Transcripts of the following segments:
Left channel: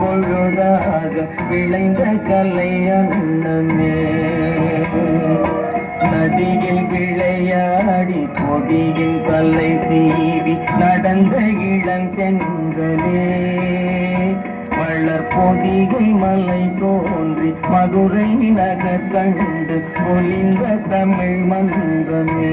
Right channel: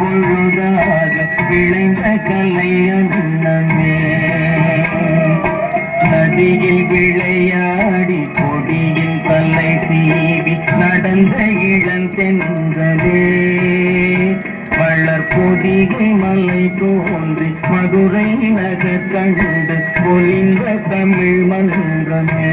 பொழுதாக விளைந்த கலை அன்னமே. நதியில் விளையாடி கொடியின் தலை தீவி நடந்த இளந்தென்றதே வளர் பொதிகை மலை தோன்றி மதுரை நகர் கண்டு பொலிந்த தமிழ் மன்றமே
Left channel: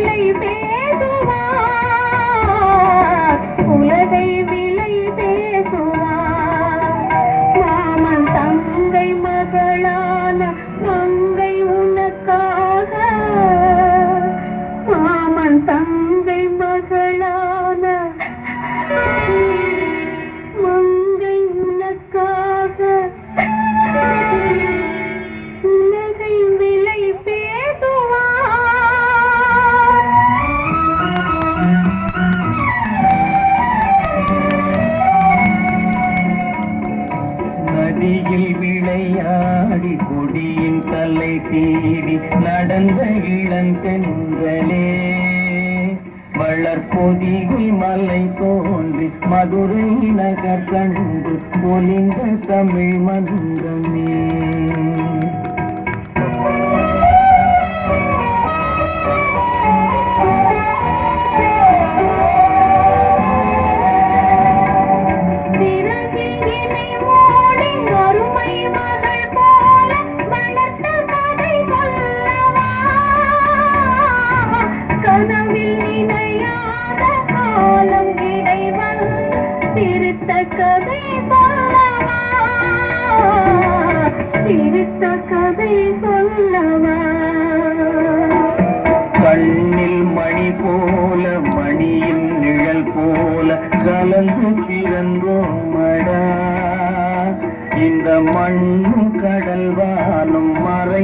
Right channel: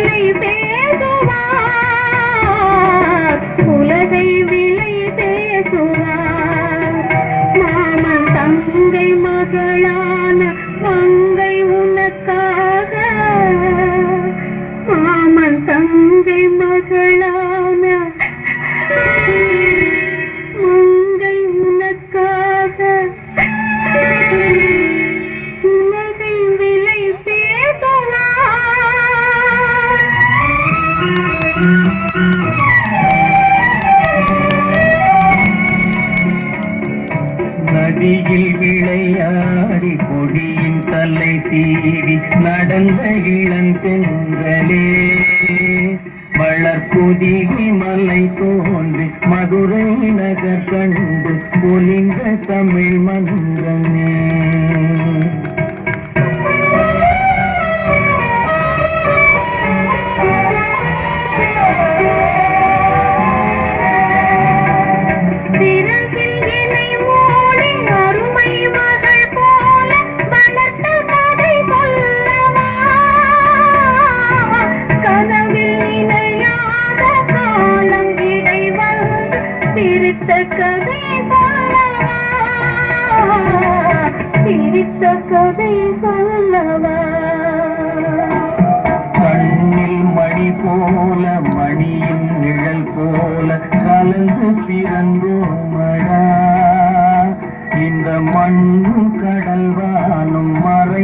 உலகை நதியில் விளையாடி கொடியின் தலை தீவி நடந்த இளம் இளந்தென்றலே வளர்பொதிகை மலை தோன்றி மதுரை நகர் கண்டு பொலிந்த தமிழ் மன்றமே கதை சொல்லவா கண்ணில் மணி போல மணியின் நிழல் போல கலந்து பிறந்தோமடா இந்த மண்ணும் கடல் மறை